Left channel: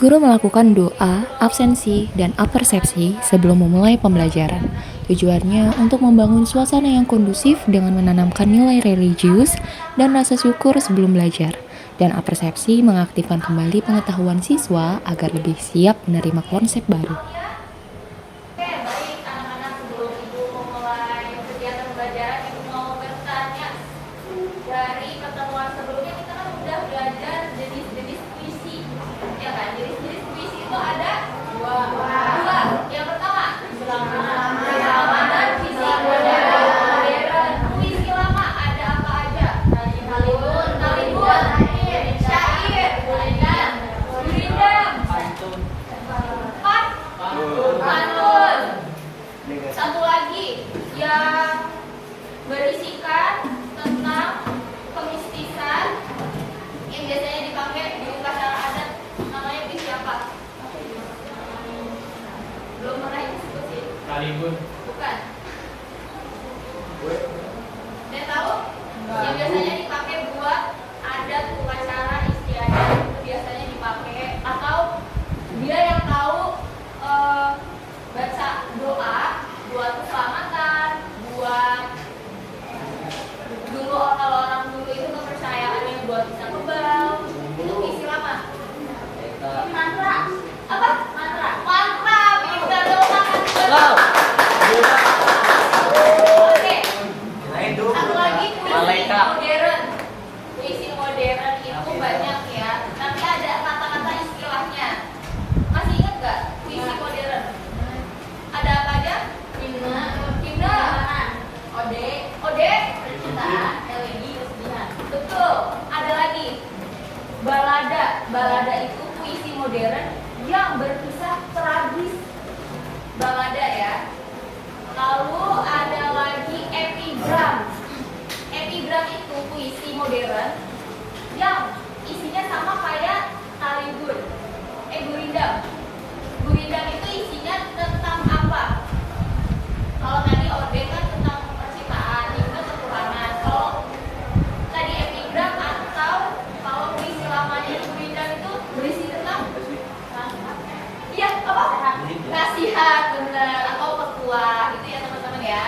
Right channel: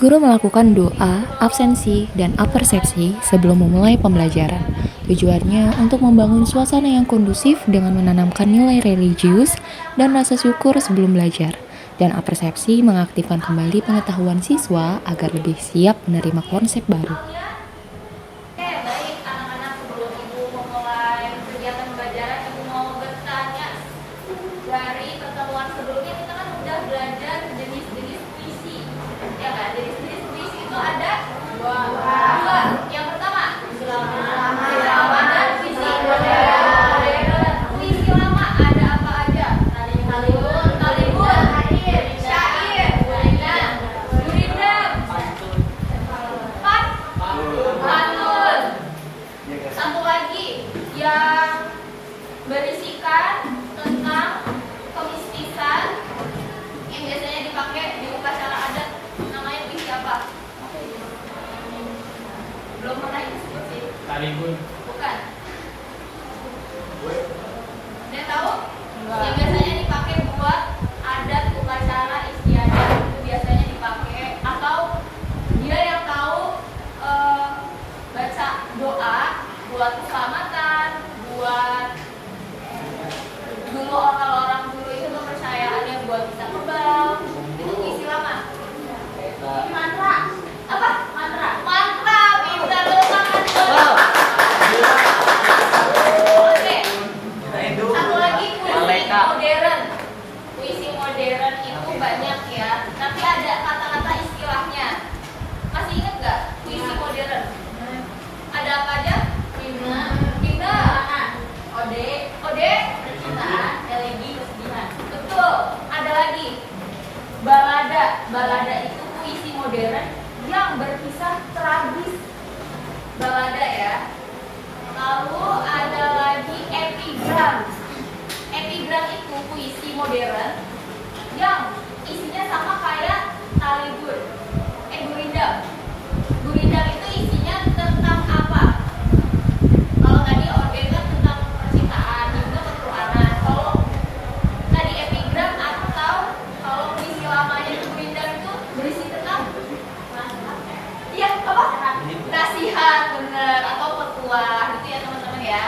Guru melakukan doa, absensi, dan apersepsi sebelum memulai pembelajaran. Tujuannya untuk membangun suasana yang kondusif dengan menanamkan nilai religius dan rasa syukur sebelum belajar. Dan apersepsi mengaktifkan kembali pengetahuan siswa agar lebih siap menerima konsep baru. Baik anak-anak, sebelum Ibu memulai kegiatan pembelajaran, Ibu mau bertanya. Dari pertemuan sebelumnya kita kan udah belajar jenis-jenis puisi, ya kan? Jenis-jenis puisi itu ada dua. Yang pertama, puisi lama dan puisi modern. Puisi lama ada apa aja? Talibun, syair, gurindam, pantun. Satu lagi yang berisikan tentang kemistikan yang biasanya dipakai di upacara adat, namanya puisi apa? Belum pernah disebut sih. Talibun. Bukan. Ada tahu? Yang biasanya dipakai buat adat upacara istiadat, itu biasanya dipakai, atau dia yang tahu baca doa buat keselamatan, buat dulu kalau orang dulu itu kepercayaannya buat bisa kebal, itu puisi lama. Mantra apa? Mantra bisa tangan. Oke. Satu lagi puisi modern. Puisi modern itu banyak ya, tapi ada kata-kata istilahnya. Masih ingat nggak puisi modern? Ada apa aja? Himne, ode, percintaan, elegi, kesedihan. Betul. Ada lagi balada. Balada itu puisi modern yang berkisah tragis. Balada ya. Lalu ada lagi epigram. Epigram itu puisi modern yang isinya sama kayak talibun. Gurindam. Gurindam itu isinya tentang apa? Kalau tadi ode kan tentang percintaan, itu ketuhanan. Kalau tadi epigram atau kalau puisi lamanya Gurindam itu berisi tentang iya apa? Nasihat, bener, atau petuah gitu ya teman-teman ya.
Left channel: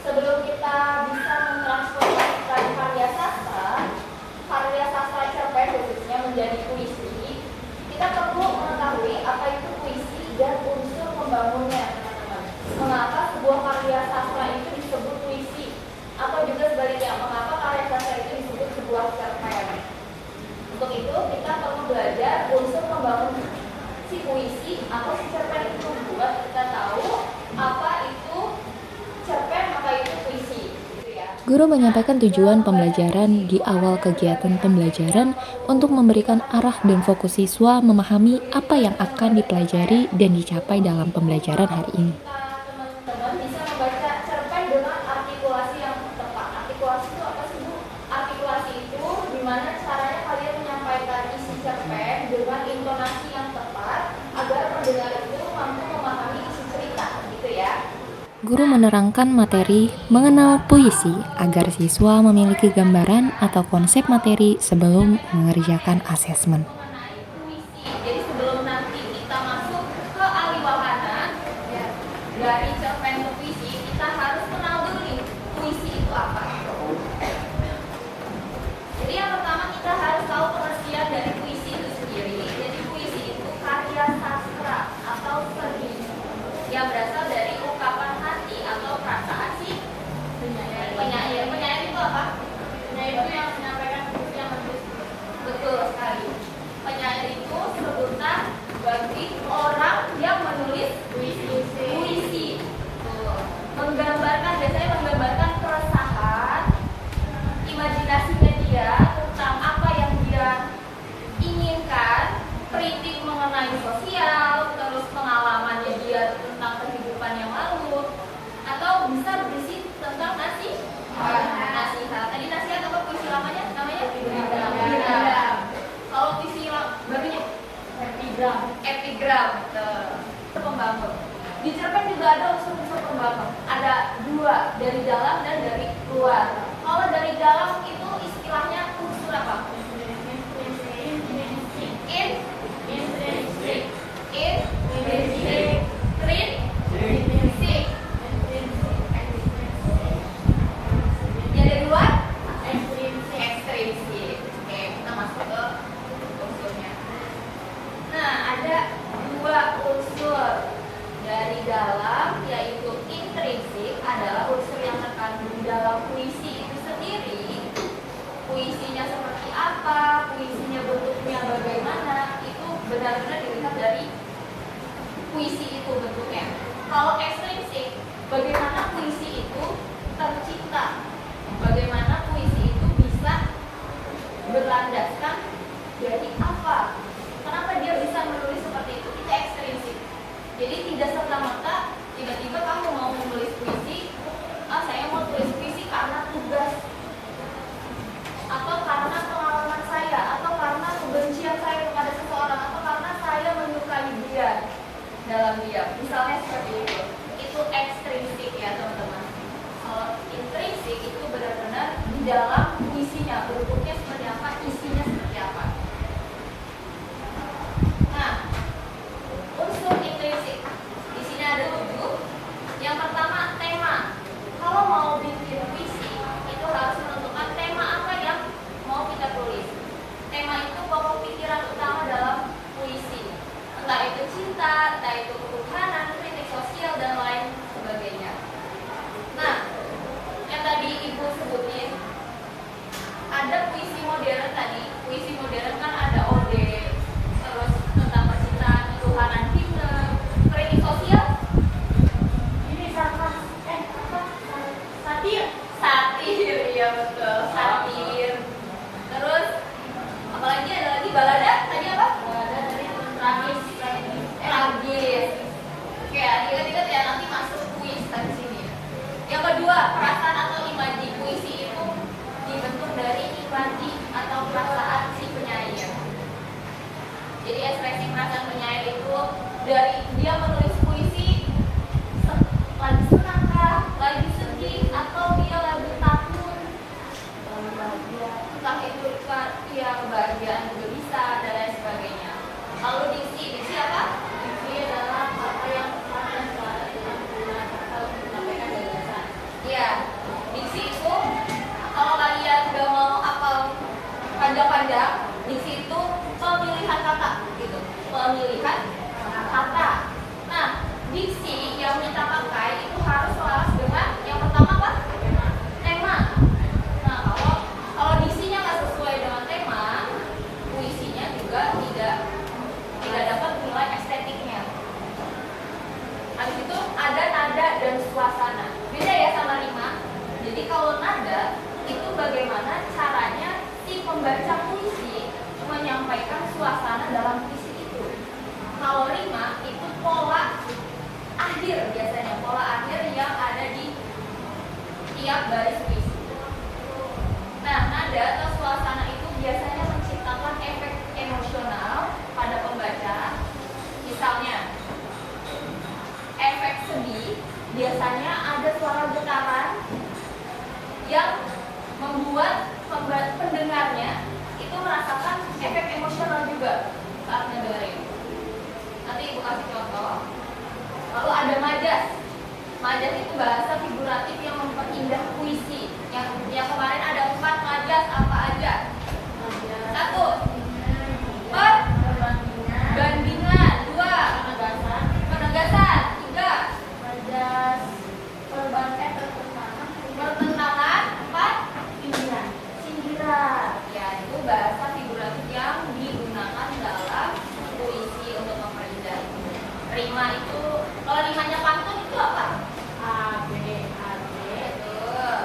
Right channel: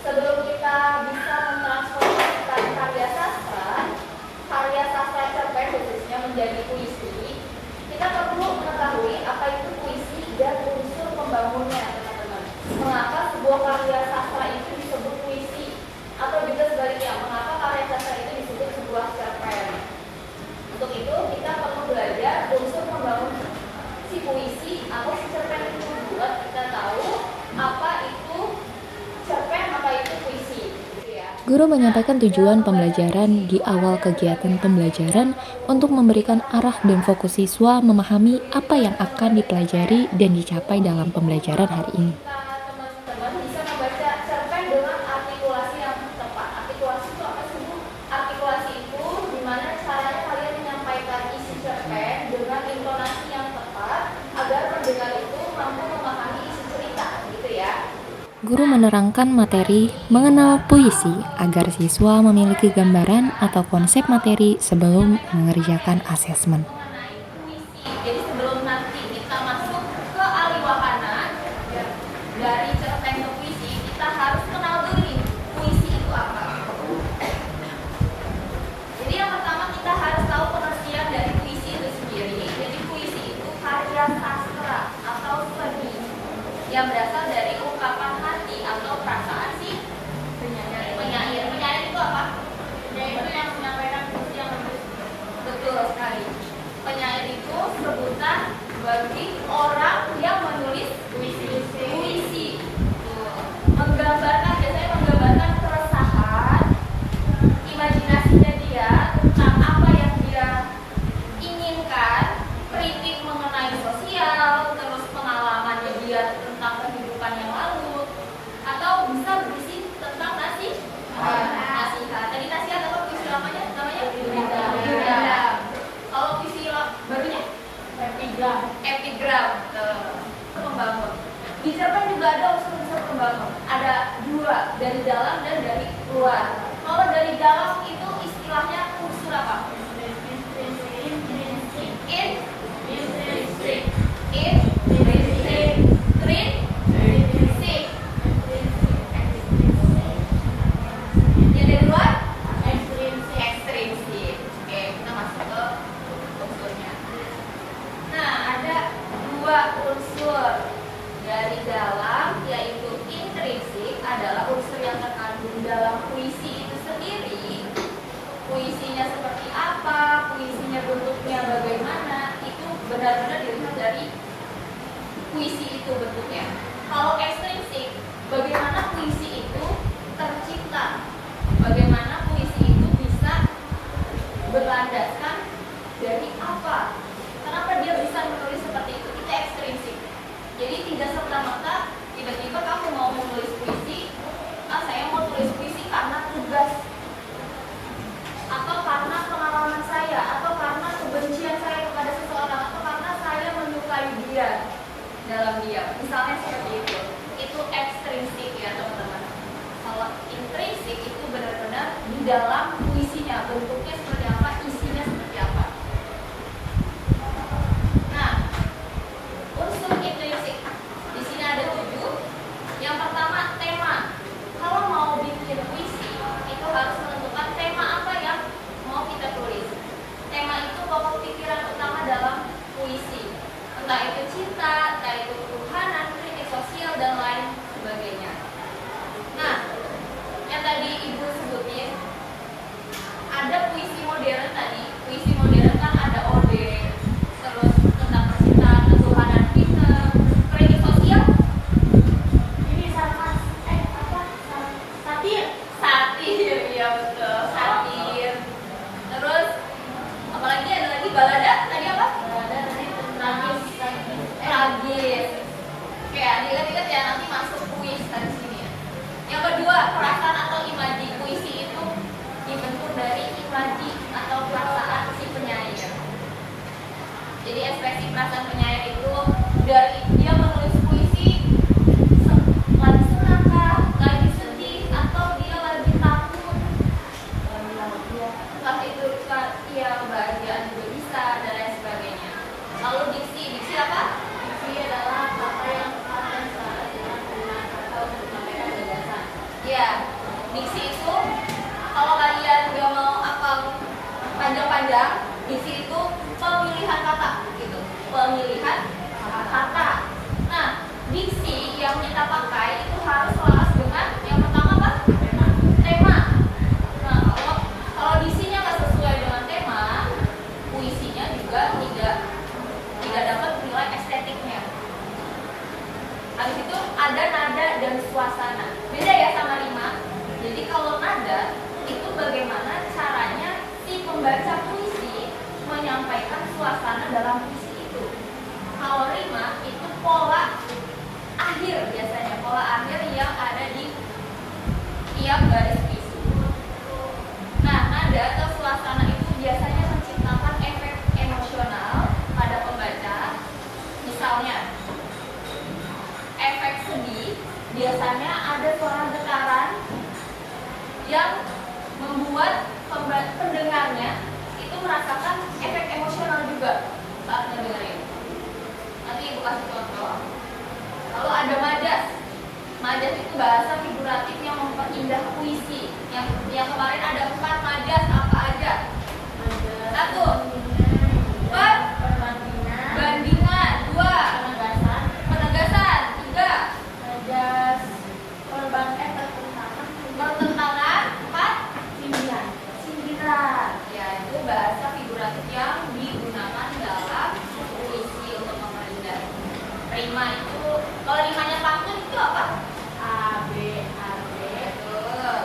Sebelum kita bisa mentransformasikan karya sastra cerpen khususnya menjadi puisi, kita perlu mengetahui apa itu puisi dan unsur pembangunnya, teman-teman. Mengapa sebuah karya sastra itu disebut puisi, atau juga sebaliknya, mengapa karya sastra itu disebut sebuah cerpen? Untuk itu kita perlu belajar unsur pembangun si puisi atau si cerpen itu buat kita tahu apa itu cerpen, apa itu puisi. Guru menyampaikan tujuan pembelajaran di awal kegiatan pembelajaran untuk memberikan arah dan fokus siswa memahami apa yang akan dipelajari dan dicapai dalam pembelajaran hari ini. Teman-teman bisa membaca cerpen dengan artikulasi yang tepat. Artikulasi itu apa sih, Bu? Artikulasi itu gimana caranya kalian menyampaikan isi cerpen dengan intonasi yang tepat agar pendengar itu mampu memahami isi cerita, gitu ya. Guru menerangkan materi mengenal puisi agar siswa memiliki gambaran atau konsep materi sebelum mengerjakan asesmen. Mengenai puisi, jadi sebelum nanti kita masuk ke aliwahana, dari cerpen ke puisi, kita harus kenal dulu nih, puisi itu apa. Jadi yang pertama kita harus tahu pengertian dari puisi itu sendiri. Jadi puisi itu karya sastra atau seni yang berasal dari ungkapan hati atau perasaan si penyair. Penyair itu apa? Penyair itu yang menyampaikan puisi yang menulis. Betul sekali. Penyair itu sebutan bagi orang yang menulis puisi. Biasanya menggambarkan keresahan, imajinasinya dia tentang apa yang dia inginkan, kritik mengenai sosial, terus pengalamannya dia tentang kehidupan yang lalu, atau bisa berisi tentang nasihat. Tadi nasihat apa puisi lamanya? Namanya epigram. Kalau puisi barunya epigram. Pembangun. Di cerpen juga ada unsur-unsur pembangun. Ada dua, dari dalam dan dari luar. Kalau dari dalam itu istilahnya unsur apa? benar-benar dilihat dari puisi itu bentuknya. Kalau ekstrinsik, bagaimana puisi itu tercipta, bagaimana puisi itu bisa berlandaskan dari apa, kenapa dia bisa menulis seperti itu ekstrinsik. Jadi tidak serta-merta tiba-tiba kamu mau menulis puisi, saya mau tulis puisi karena tugas, atau karena pengalaman saya, atau karena kebencian saya kepada seseorang, atau karena saya menyukai dia dalam diam, misalnya seperti itu ekstrinsik ya teman-teman. Kalau intrinsik itu benar-benar di dalam puisinya, bentuknya seperti apa, isinya seperti apa. Nah, unsur intrinsik di sini ada 7. Yang pertama, tema. Kalau mau bikin puisi itu harus menentukan tema apa yang mau kita tulis. Tema itu pokok pikiran utama dalam puisi, entah itu cinta, entah itu ketuhanan, kritik sosial, dan lain sebagainya. Nah, yang tadi ibu sebutin, ada puisi modern tadi. Puisi modern kan ada ode, terus tentang percintaan, ketuhanan kita, kritik sosial. Ini satir, iya betul, satir. Terus apalagi ada lagi balada, tadi apa? Balada tadi tragis. Oke, ingat-ingat ya, nanti masuk puisi di sini ya. Yang kedua, perasaan atau imaji. Puisi itu dibentuk dari imaji atau perasaan si penyair. Jadi ekspresi perasaan penyair itu dari dia menulis puisi lagi senang kah, lagi sedih, atau dia lagi takut, lagi bahagia, entah itu dia kebahagiaan juga bisa, dan lain sebagainya. Lalu diksi apa? Diksi adalah apa yang menyampaikan gagasan. Ya, diksi itu kalau kalian udah mau apa panjang-panjang, diksi itu pemilihan kata gitu, pemilihan kata. Nah, diksi yang kita pakai itu harus selaras dengan yang pertama apa? Tema. Nah, kalau diksinya nggak sesuai dengan tema, puisinya juga tidak dapat nilai estetiknya. Habis itu ada nada dan suasana. Beda ya sama rima. Jadi kalau nada itu bagaimana caranya si pembaca puisi menyampaikan suasana dalam puisi itu. Kalau rima itu pola akhir, biasanya pola akhir yang ada di tiap baris puisi. Nah, nada atau suasana itu biasanya menciptakan efek emosional pada pembaca. Misalnya, efek sedih biasanya ada suara getaran yang membuat pendengarnya itu merasakan efek emosional juga saat mendengarnya. Nanti ibu kasih contoh. Lalu ada majas. Majas itu bahasa figuratif yang memperindah puisi. Yang kemarin ada 4 majas, apa aja? 1. Perbandingan. 2. Penegasan. 3. Majas pertentangan. 4. Sindiran. Ya, itu bahasa figuratif yang digunakan dalam puisi untuk memperindah. Rima itu, kalau rimanya pantun itu apa? A, B. Betul.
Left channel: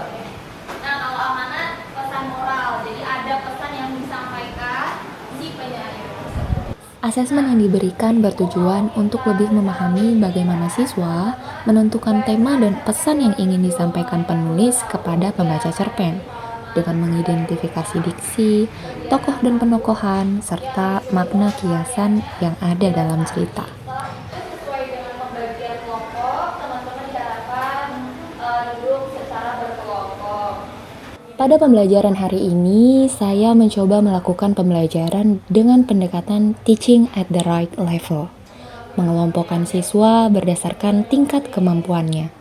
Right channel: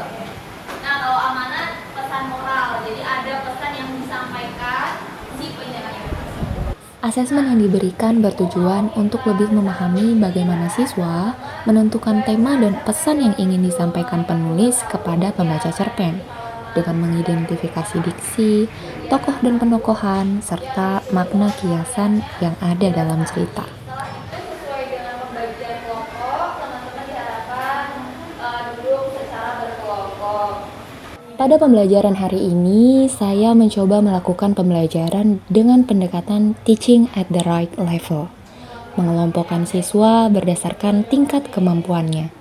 Nah, kalau amanat pesan moral. Jadi ada pesan yang disampaikan si penyair tersebut. Asesmen yang diberikan bertujuan untuk lebih memahami bagaimana siswa menentukan tema dan pesan yang ingin disampaikan penulis kepada pembaca cerpen, dengan mengidentifikasi diksi, tokoh dan penokohan, serta makna kiasan yang ada dalam cerita. Sesuai dengan pembagian kelompok, teman-teman diharapkan duduk secara berkelompok. Pada pembelajaran hari ini, saya mencoba melakukan pembelajaran dengan pendekatan teaching at the right level, mengelompokkan siswa berdasarkan tingkat kemampuannya.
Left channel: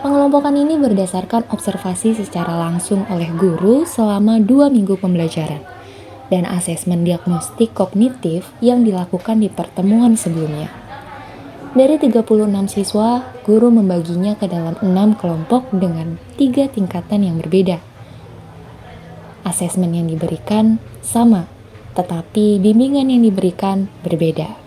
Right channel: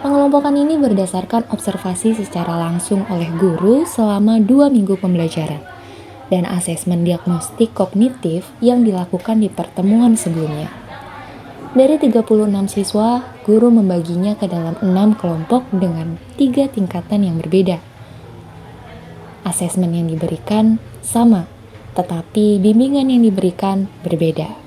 Pengelompokan ini berdasarkan observasi secara langsung oleh guru selama 2 minggu pembelajaran, dan asesmen diagnostik kognitif yang dilakukan di pertemuan sebelumnya. Dari 36 siswa, guru membaginya ke dalam 6 kelompok dengan 3 tingkatan yang berbeda. Asesmen yang diberikan sama, tetapi bimbingan yang diberikan berbeda.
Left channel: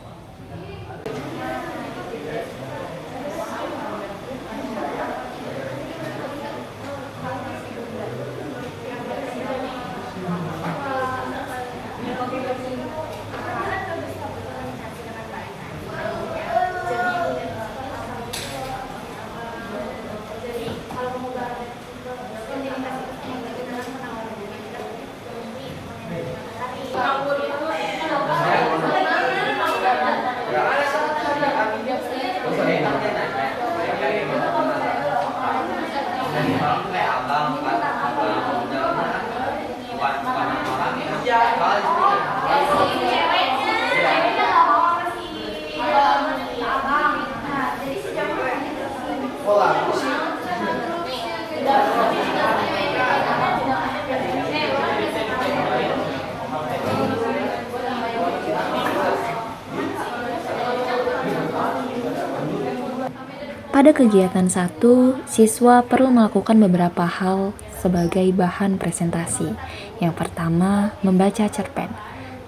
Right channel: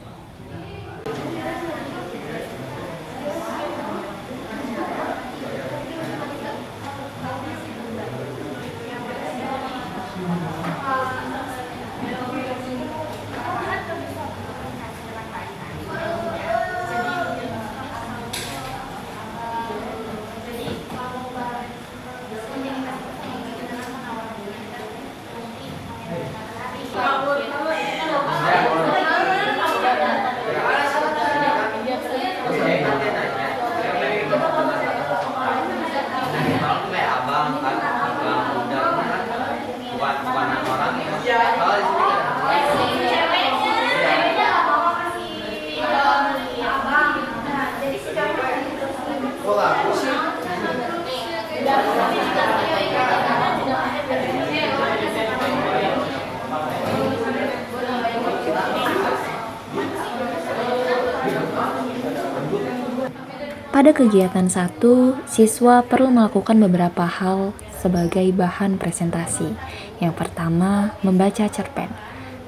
Pada kegiatan 1, siswa perlu melakukan beberapa hal sebagai bahan presentasi. Yang pertama, membaca cerpen.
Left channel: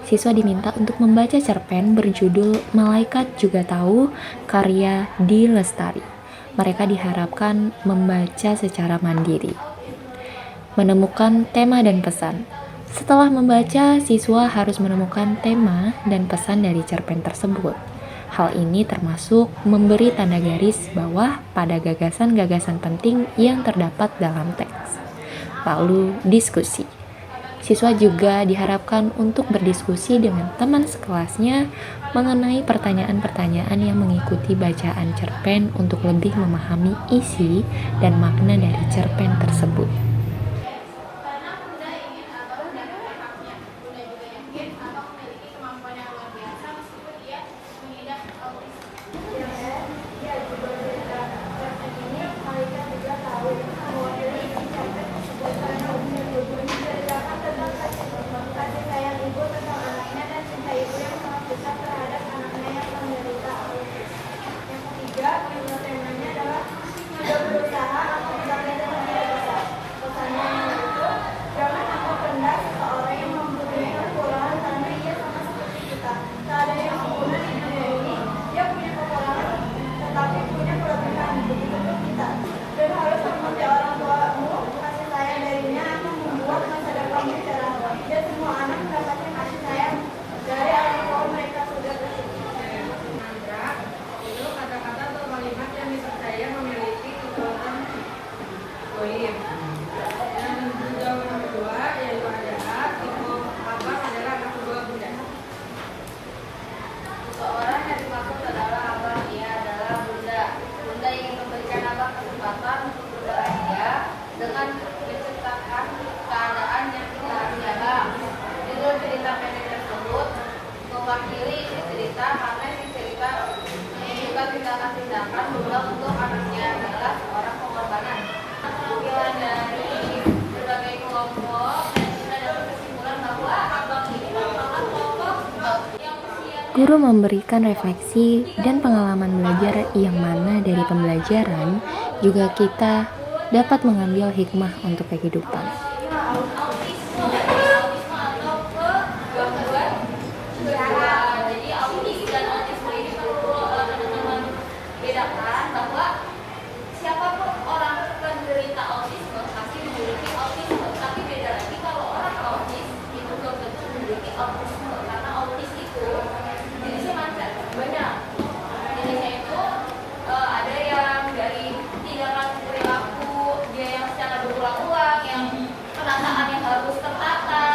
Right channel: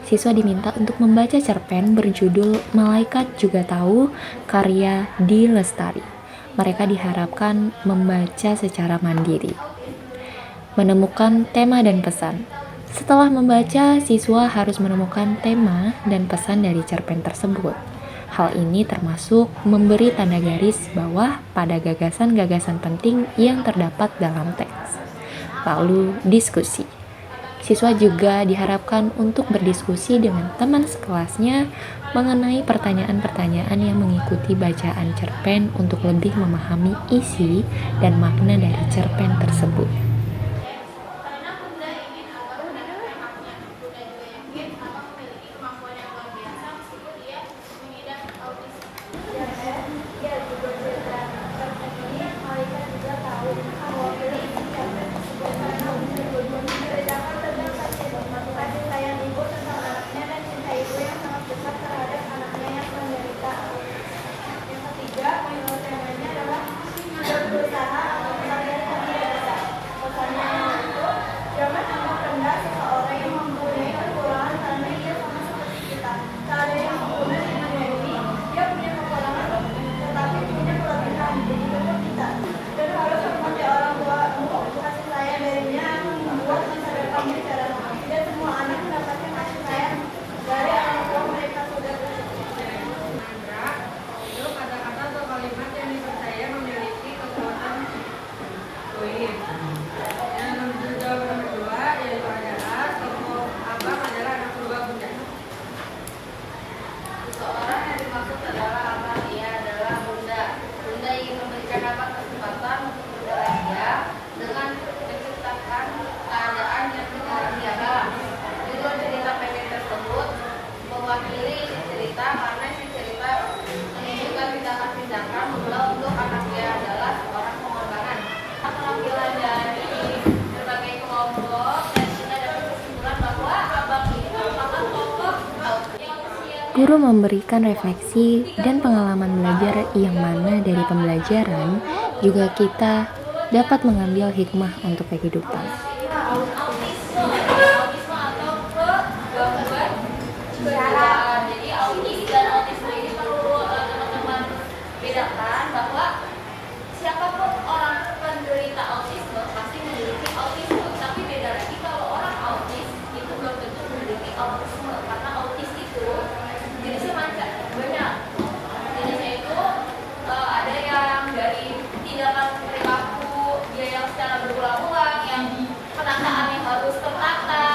Siswa diminta untuk membaca cerpen berjudul Malaikat Juga Tahu karya Di Lestari. Mereka diharapkan membaca secara mandiri. Menemukan tema dan pesan. Setelah membaca, siswa harus menemukan tema dan pesan dari cerpen tersebut. Hal ini termasuk memberi tanda garis bawah pada gagasan-gagasan penting yang terdapat dalam teks. Lalu, diskusi. Siswa juga diharapkan untuk berdiskusi dengan teman sekelasnya mengenai pertanyaan-pertanyaan yang mengikuti bacaan cerpen untuk lebih memahami isi dan makna dari cerpen tersebut. Karena Bunda ingin agar mendapatkan haknya, Bunda juga yakin Abang memiliki kemampuan yang luar biasa meskipun ia mengidap autisme. Ia juga cerita cerpen ini Malaikat Juga Tahu mewakili isi cerpen tersebut karena unsur tujuan menceritakan tentang kasih sayang ibu tentang anaknya dan cinta ibu yang sangat besar terhadap anaknya yang menderita autisme. Yang ketiga, memang temanya adalah sudah berusaha akan tetapi tidak bisa. Pesannya yang itu, jangan anggap rendah seseorang yang mempunyai kekurangan karena ia sama seperti kita. Tak ada yang sempurna di dunia ini. Dia punya kekurangan tetapi punya kelebihan, begitu pun kita. Dan harus hormati orang tuamu, kasih sayang darinya akan membuat masa depanmu cerah. Dan semua anak mendapatkan kasih sayang dari orang tua mereka sudah bersyukur. Mantra itu kata-kata atau kalimat yang dipercaya memiliki kekuatan goib. Yang jawab nomor 2 yaitu adalah tokoh Abang adalah anak kedua Bunda. Seseorang yang dimaksud adalah Abang, ia adalah Bunda. Bunda ingin memberikan Abang kesempatan untuk berbahagia dengan menciptakan keadaan yang bahagia. Judul cerita pendek tersebut mewakili isi cerita karena isi cerita menunjukkan tindakan-tindakan Bunda untuk anaknya adalah seorang pengorbanan. Penampilan dari berbagai kelompok dan kita dapat kesimpulan bahwa Abang ini merupakan kelompok yang usia Guru memberikan refleksi dan pengalaman belajar yang mana dari pembelajaran juga kita dapat mengambil hikmah untuk kehidupan. autisme atau kegangguan jiwa. Jadi autis dan autisme ini perlu teman-teman bedakan bahwa siapapun orang penderita autisme pasti memiliki autisme, tapi beda lagi kalau orang autis itu belum tentu memiliki autisme karena autis itu jenisnya banyak. Jenisnya itu ada yang dari tindakan perilaku dia yang secara berulang-ulang, yang penataan yang harus tertata,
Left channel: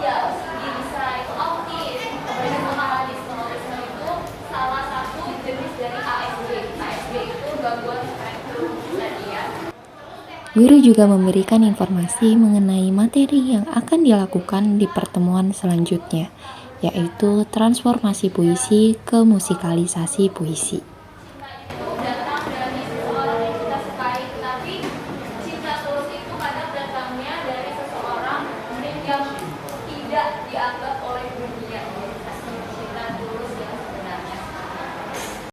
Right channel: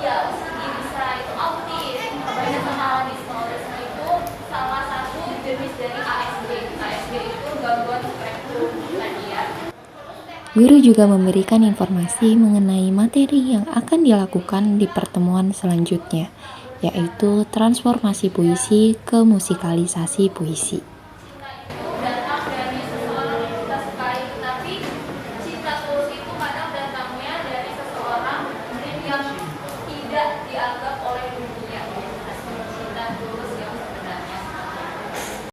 ya dia bisa itu autis. Beda sama autisme. Autisme itu salah satu jenis dari ASD. ASD itu gangguan spektrum tadi ya. Guru juga memberikan informasi mengenai materi yang akan dilakukan di pertemuan selanjutnya, yaitu transformasi puisi ke musikalisasi puisi.